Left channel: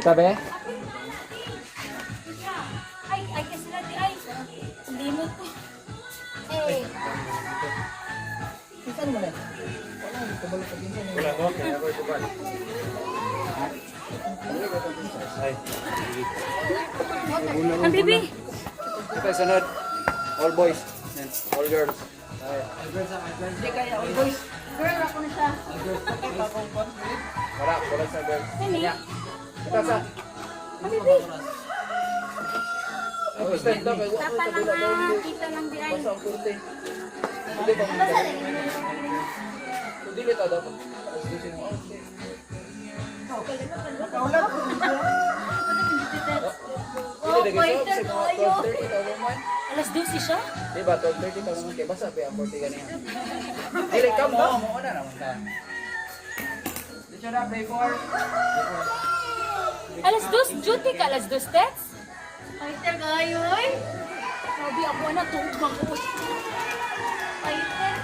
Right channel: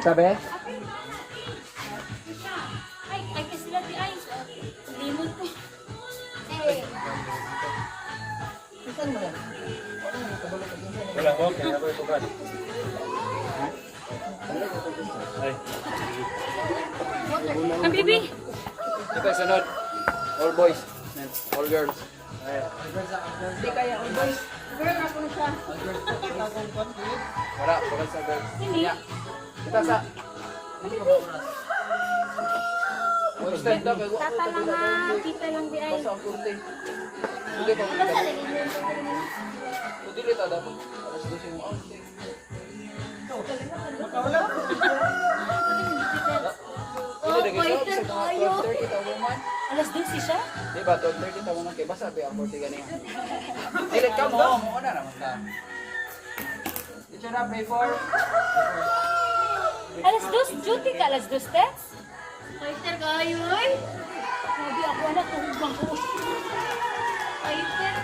Kita be? Ay, kasi na di ay. Limot po. Eh. Saan mo na? Wala, hindi ka balo ka din sa Wala ko, kaya ako ito ba? Ay. Ang bibi. Ito sunod. All boys. All girls. Hindi kaya all boys. Girl, ako na siya. Wala, pura sa girls. Hindi. Kita sa. Ang bibi. Oh, stand up. Tata lang na. Kita lang di ay. Basta ang kurte. Hindi pa mo. Hindi kita dapat. Alas 12 mo. Hindi na kayo. Kasi mga 12:30 tayo man. Alas 12 siya? Diba, 12:30 tayo man. Kaya basta ba ang kurte ganyan. Dili ka mo. Muna naman ka. Di siya na play for. Alas 2? Duty ka alas 2, Tex? Fighter kayo, ay. Sabi ako na, tulog ako. Fighter.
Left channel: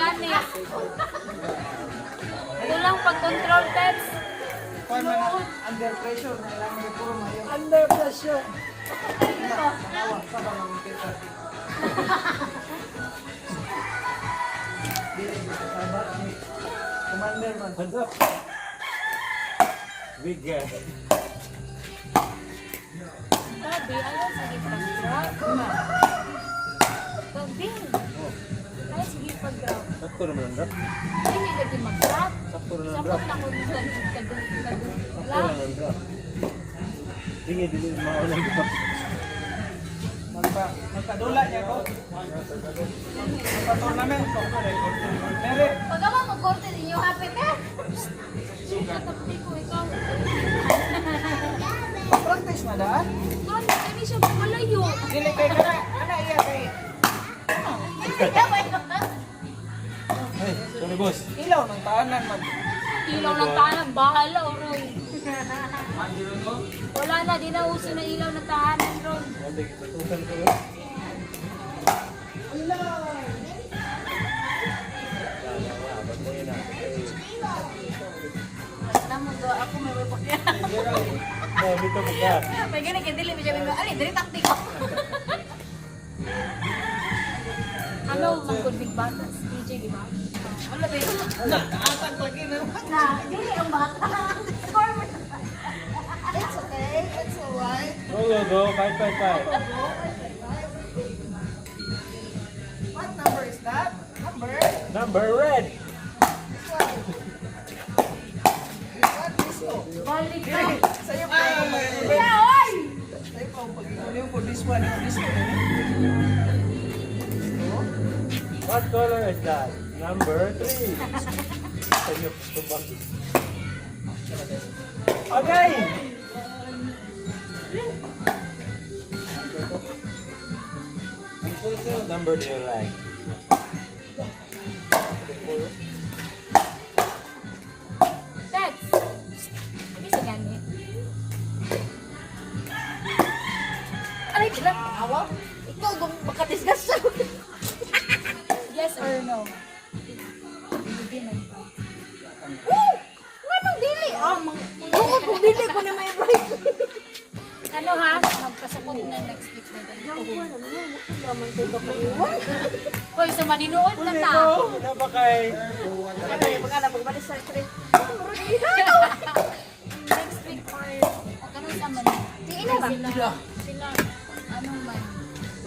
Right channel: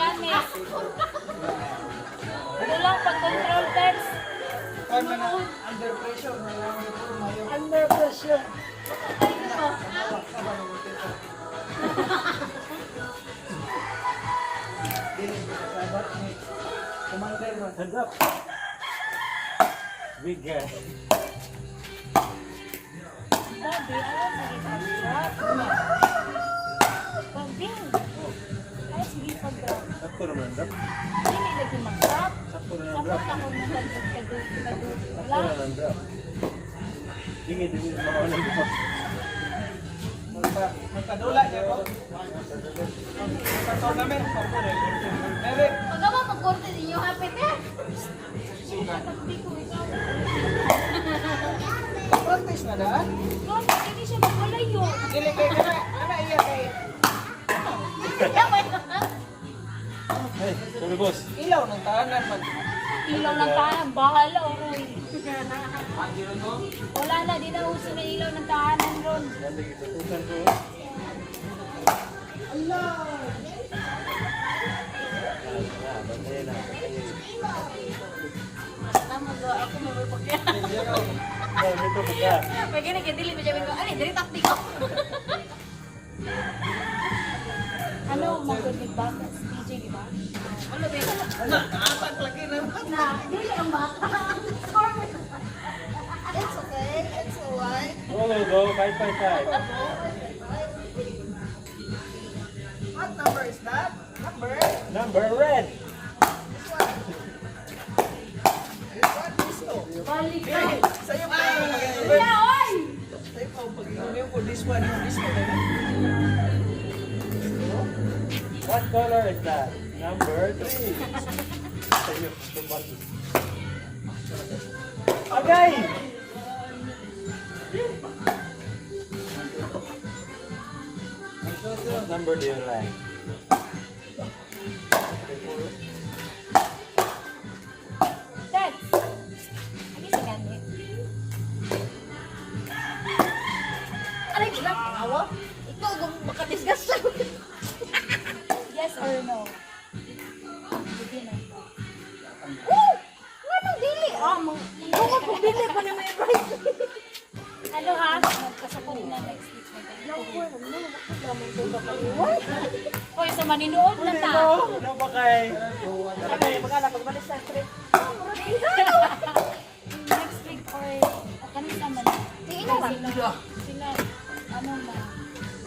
Gani. Ano lang pag-control, Tex? Under pressure na lang yung puro ngayon. Under pressure. Commander man. Hands up. Big guy. Grabe, ayaw sa iba. Pag-bing. Ay, sige pag-drop. Sakto naman, bro. Hindi lagi mag-drop. Sakto na Sa bro. phone ako nag-drop. Sakto naman, bro. Sige, mga ulang bro. Magpadula niya ko. Magpa-tournament. Meron. Pag ako mag-korte din yung happy pet. Nakapti ko ikaw. Practice na daan. Korte, hindi siya malayo. Dili kay kanay. Ano iya kay? Hey, tumigos. Ilaw ng tahanan man. Ilaw ng tahanan, bahala uroy. Wala na, di na uso na ilaw ng tahanan ron. Tutusan ko. Tama ba, ako may babagyan. Oh, dito buka. Pag gini, kaya mo siya may babagyan. Dili taktik ako. Ano, mag-good bata? DJ, di ba? Wala ba yun? Naatag lagi na. Na, dili ang bata. It's okay. It's alright. Go. 555. What number is that? Number? Number red. Balik ka. Sa'yo pa ako mag-inom. Kaya, oy! Sa'yo pa ako mag-inom for this one. This one. What color is that? Number 3. Sa'yo, spaghetti. Okay! What number do you like? Tex! Hindi si Gani. Ay, awa. Ikaw, makadisgas siya. Yes or no? Hindi na. Anong dili? Kung dili ko na may right. Ano ha? Magkasabunod na next week na ganyan. Hoy, sa maninood na ta. Ano ba kay? Magkala, magbalis sa street. Next week or ano sa man? Sige na, Sila. Ano man?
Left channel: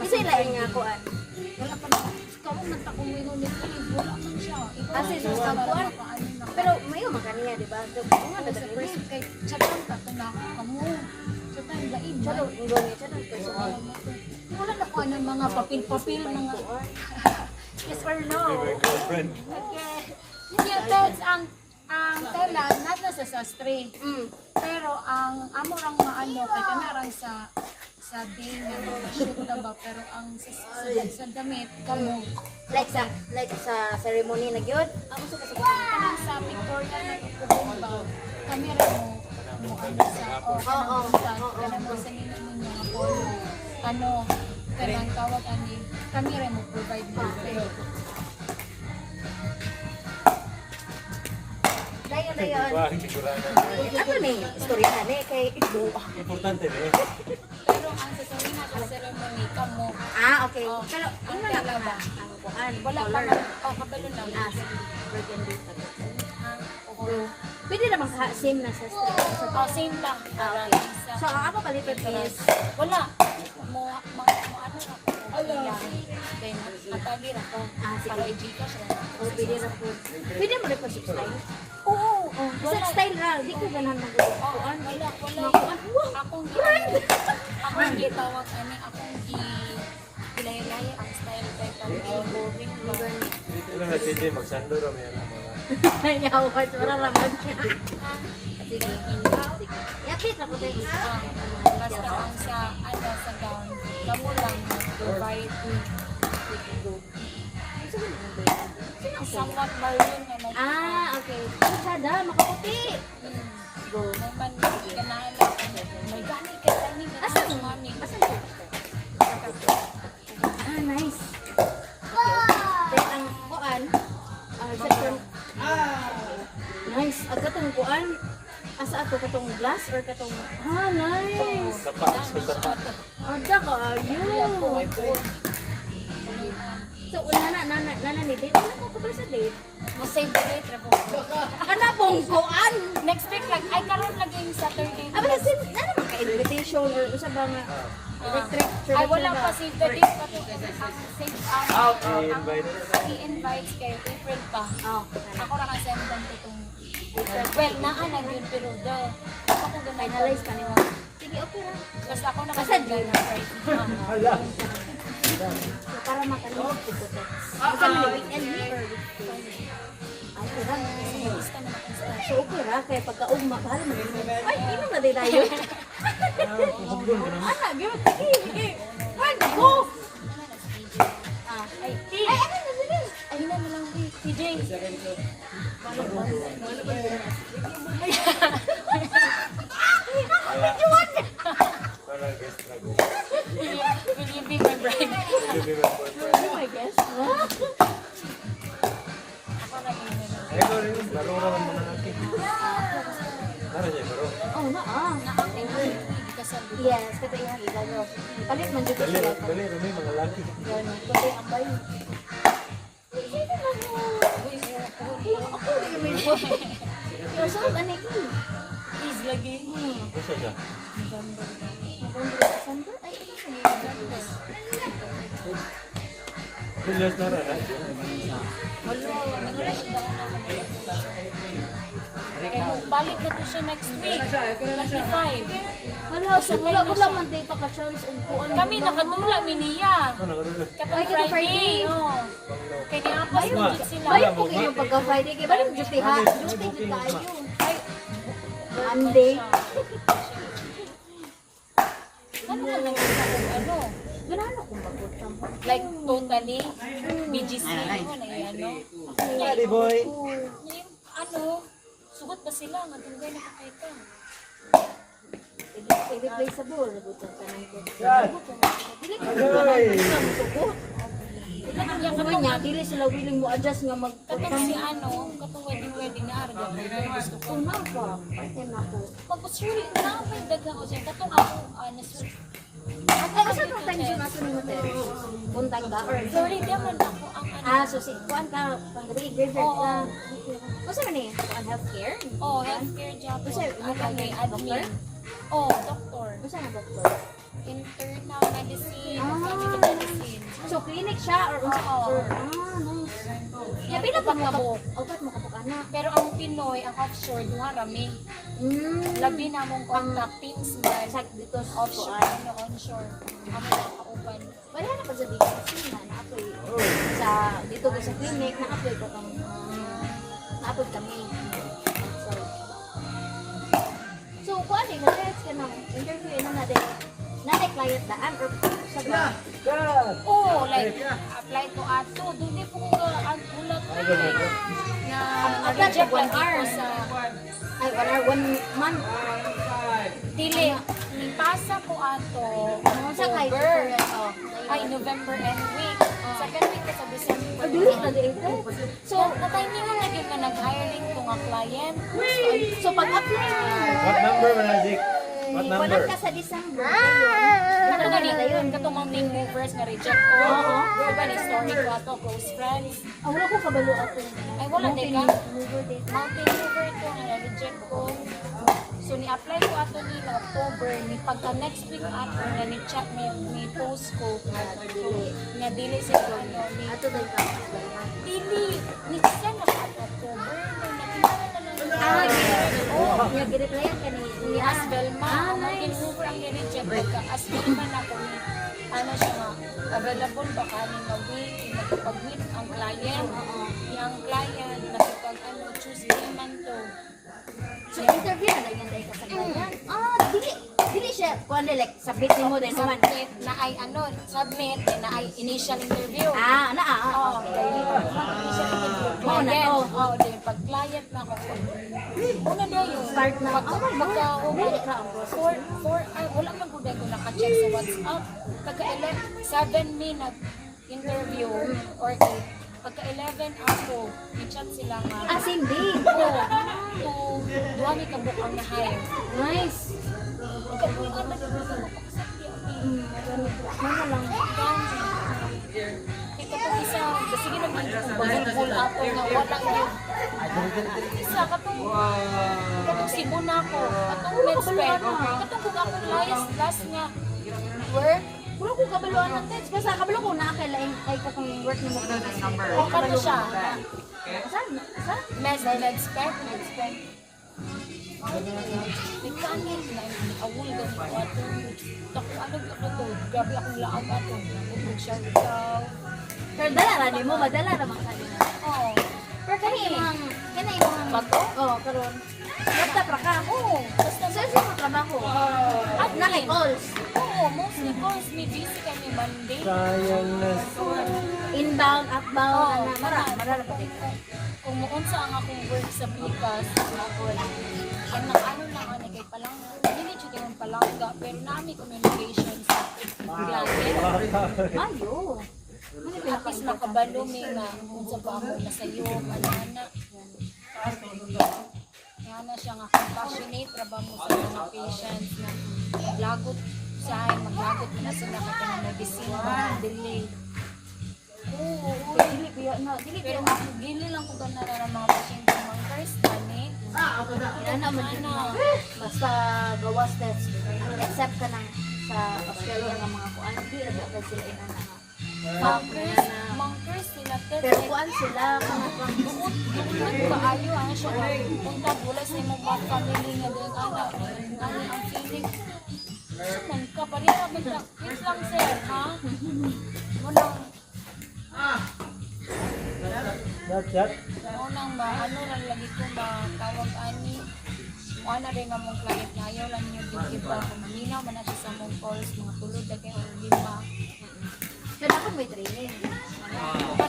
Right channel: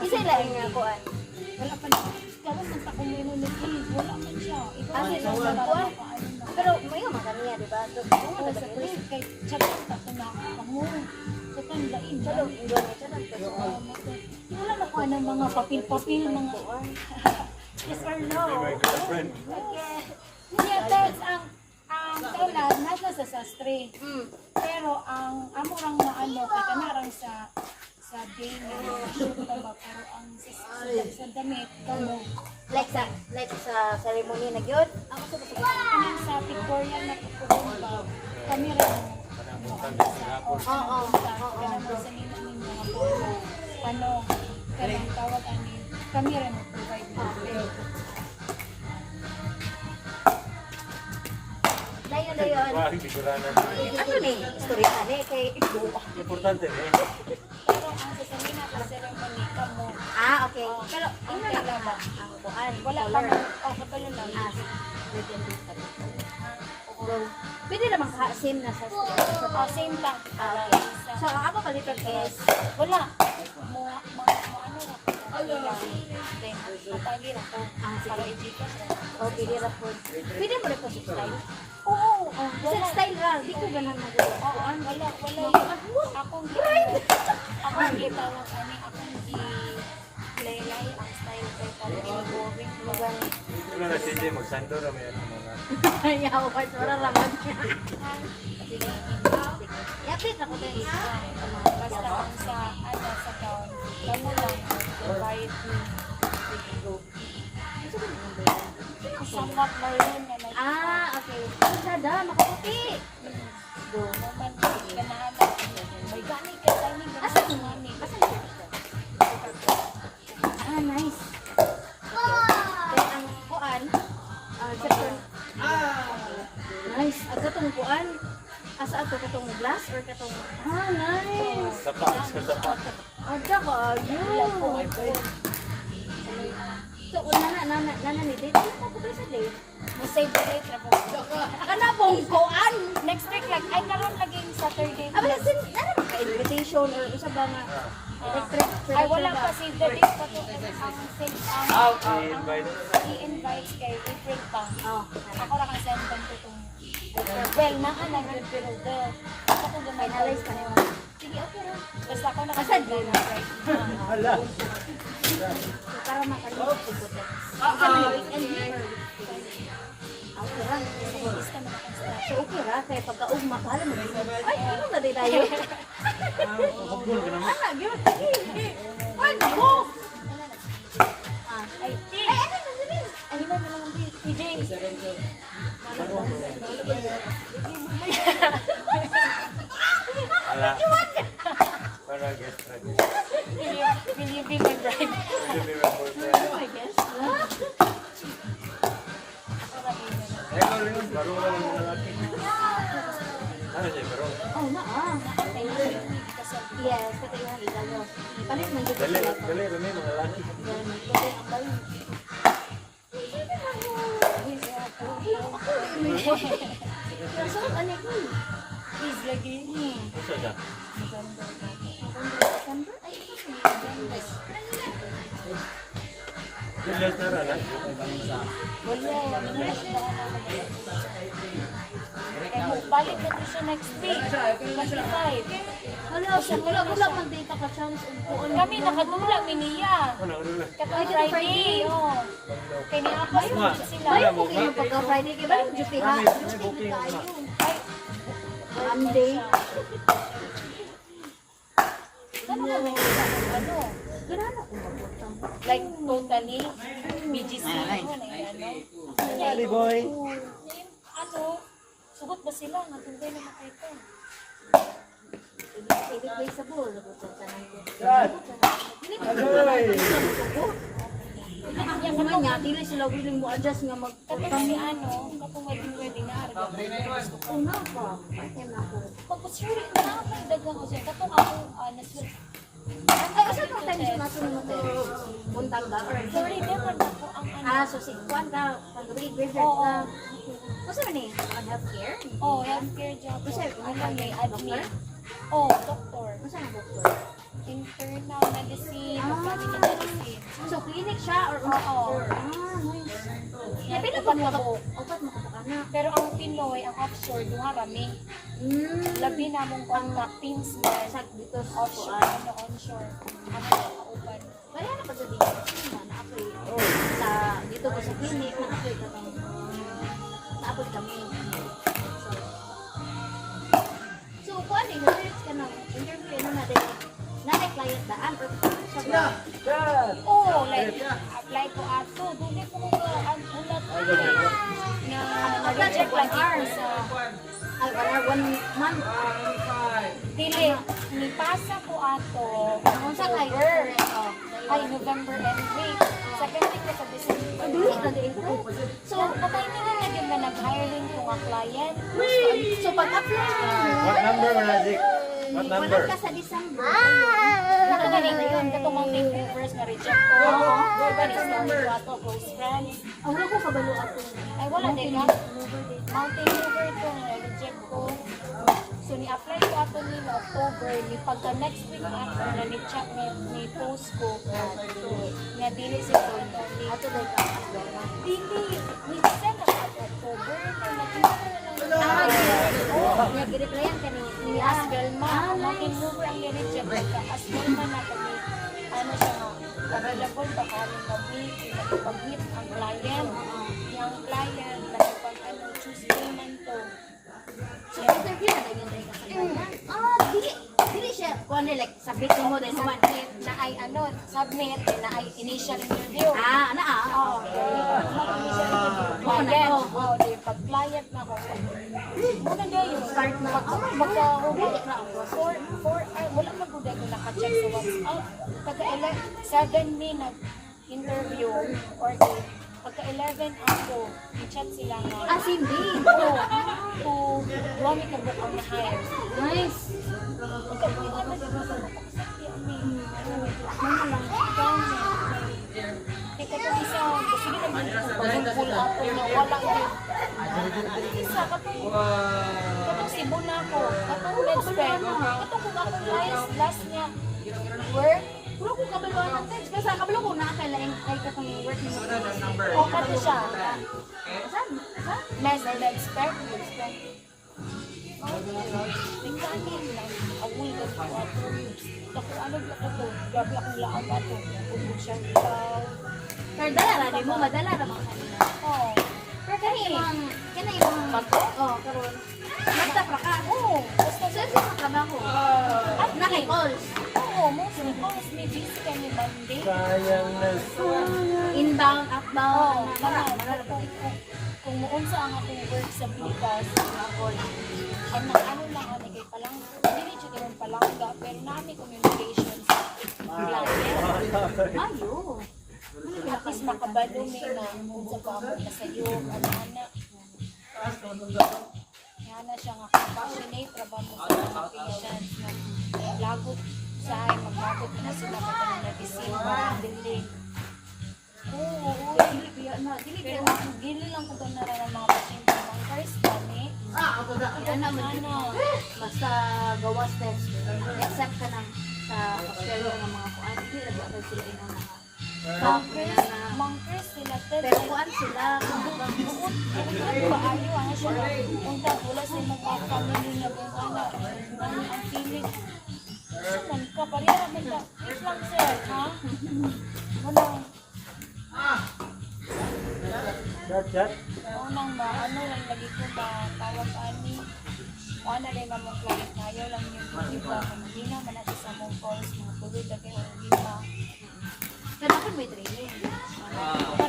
Isa ilahin nga ako. Wala pa na. Karoon ng takong minum niya. Wala pa siya. Kasi nung sabuan. Pero may makaniya, di ba? Ano sa first kay chatang tato na kamurong. Chatang daing. Chalo, gawin siya lang. Pero, Wala na po ng mga papil-papil mga yes or no. My girlfriend. Yeah, that's ang tela nasa sa sastre. Pero ang amo ang maano kay kanarang sa day shoot na ba pero ang sa damit kamo like sa ceremony na yun. Ako sa kasi. sa Victoria na ito ba kami rin Oo. Kanang basta nila ng mga ano, kanang tawag ani, kami rin mag-provide buffet. Dayon. Wah, hindi ko lang na. Ako ni, istorya na ni kay Igbo. Importante eh. Pero ang sasabihin na ceremony kamo, Okay. Pero ano na lang ang kuan, wala pa color. man, kabalo na. Burgundy ka ba? Go. Pwede naman same na sa street. Same lang. So, ang ako palitan is, Wala. Mo ano lang. Ang tabi ra. sige. Pwede na po. Pwede mo rin po sa style. Oo. Sa style ra, di ko ganahan mo. Wala. Akong akong gitawag ani, akong lay ang style kay Maganda. Pero na CJ, magsando ra may ano mga. Ayaw ko, wala naman siya. Sige. I-update ako din. Basta ang sa ano sa gown, kamo lang provide somewhat maroon nga na. Okay. Sada, makaputi. Go. Naman ganahan lang. May gamit kay tani na sa mami. Nice. Then, ang kuan, second. Nice. Ang katong kuan, asa ato katong glass or katong, nice. Napakas ko sa Ada ka, ayun. So, nana ni date. Ano ko ba sa date? Mo save the date ra po. Ano pong kuan? Next week lang ay karon lagi Saturday. Abala, nana ka-invitation or usa ba nga electric? Ay wala pa si the date. i-invite. I-invite kay April pa. Oh, Ako ra ka send them to itong well, naa na yun, pero daw. Ako kung gamay na finalize pa niyo. sige, okay ra. Basta ako na Asa doon? Hala. Para makalimot ko po. Asa mo weekend or ang kurang. So, okay ra. Kaya pagka-ugma, kala mo. Ay, inom na din tayo. Ana, yun. Ay, nako! Ay, ano na din? Ay, na na. PJ. Hala. Para guest na guest. Will you be my bride? Give me my boyfriend. Oh my gosh. Eh, ko rin. Baro naman mga lalaki. Ano siya, baro? Oh, yes, kata yung hila. Palit man dito. Dali, dali, dali, mga lalaki. Ganun. Kasi ang bayo. So, ano ko? Please, lagi. Gusto siya? December? Ay, Bilyas na rin, ha? Balik na to siya next week. 25. wala, so wala ko lang man day pa ka-chance. Kami nakadula, miniya. Ano, ano, ano? Kapag Friday, oh. Kaya niapas mo sila. Ay, okay yung pagka-Friday. Kaya balik just ha. Just hindi tayo. Monday. Ano na lang ano? Ganano kung magutang. Like, totally, BGC, ano? Ready, boy? Yung, ano, sugot ba sila? Matunggal na kay ka. Irreplaceable. Nagutang ka ng Agoy! Yung naman niya, dili sila willing mo adjust nga Katong si ano, katong wedding na araw. Gusto ko na po. Pati na po. Pagkos really, nakakagdagan ko siya. Katong ako, Ay, asa itong time zone natin mo tayo? Buntag ba? Or sorry, naman ako ang ano. so si Juan ka, pag-gabi, graveyard ka. Masa man eh? Healthcare? Oh, healthcare job. Sir, Ano ano may ka? admin. Oh, doktor. Masa ang doktor? Internal medicine. Family medicine. So, clinic siya or Oo. nice. Yeah, pila pa mo. Opat mo kapag ana. Pero ang Pinoy, ang offshore, yung harami. Labi na mong contact teams na Sak dito sa offshore, kuan. ano, onshore. Ang open. Wala na pa sa dito. Na-apply. Sa dito ko sa clinic, na-apply ka tong na-apply kami. So, kuan eh, let's ka na. Interview na natin. Na-client daan or sa ba? Oh, like, apply to ato. Doon ko ang ulat ko. na-reject lang ako sa Ay, 1 month. dili. Nipasa ko ato Unsa kay October. Ay, November and week. Sa week ka sa December. Dili na dito. So, natay niyo nga lagi nga nag-hiring ko nga client. So pag-apply What number man na, Zik? What wala number? ka sa December. Ito nga nila yun. Katong Vancouver's na reject ko. Diba ni story ko ato, close friends. Ang wala ko kabalo ato. Ay, wala din ka. Mountain River ito na na-reject ko. So, ni-apply ko ato nila October. Ni pagka next week ato, ni-chat ni post ko. Na dili sa tono. Ato dai ka. Dili, ni-send ako ato October. Yung gi-replyan ka Ni Asbel ma, Mountain River ang ni-reject ko. Asbel na na ko ni, ano siya nga, available ba kami nga week, pag-meet ang client. Yung client, nakapag-ano, Tuesday man to. So interview na lang yun dahil ka sa ganyan. Dili siya. Kuan like submit mo din naman. Submit na ay ano, submit na ay initial interview. Oo. Client, pag client na ako. Una na yun. Start na. Baka umuli na ako. Wala mag-uday ko naka-check sa WhatsApp. Pagka 7 minute interview or 8. Pagka 11 ako, i-chat sila nga. Same day. Duwag ka bukang na-hire. Nice. Ito po isa, kasi naman full ako na walang isa katong Cebu na ako, katong Medspec, katong kung ako last nga work, Wala ko kabalo ang text. Basta kabalo ko na kailan ay katong work ni mo. o kato siya, Saan? Medspec, tingnan niya, awul na po ito, ako ano ka to, grabe akong laang ato, share daw. Pero dala ra mo, madala ra man kanina. Oh, Pero kanina yung mga karon. Laptop ra ka. oo, Saan sa mga trabaho? Naki-calls. oo, mostly calls, may busy kami Monday. Sayang na. Inbound, outbound, na mara ko dito. Kung maunsa ang akong work sa Pikas, ang nakaano lang ani kay Palangga, hindi na siya yung Palangga, pero nami communications. Ayo. At least makabalo mi na kung sa pamo na sa iyo, na siya nga compassionate, trabaho sa mga patients na maglagot siya, maglagot na sila kapag nag-isiwa, dili. Pero dili lang ko ganara ng mga pasyente mga first money. Ano man basta gawas steps. Accept ka ng sa hospital ng mga kuan. Dili ra sila ina na. Mangkers sila Pero kuan sila paano ano siya punta wala sa imong mga family nga din anak ani ang feeling sunan ka pa rin kami na wait lang sir ha wala unang ano lang lagi ko tawag ani wala rin ang mga client na ayaw lang yung diba malinaw man na siya sa mong calls mga tulod na kayo diba Pero ako may training.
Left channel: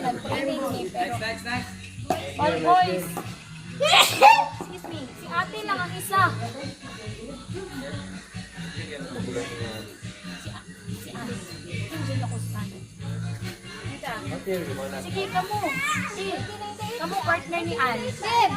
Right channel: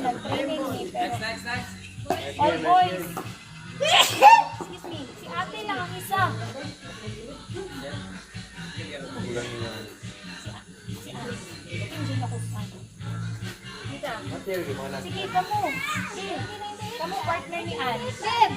nag-training Oy boys! Excuse me, si ate lang ang isa. Si ate. Hindi ako sa ate. Dita. Sige, kamu. Sige. Kamu partner ni Ann. Seb!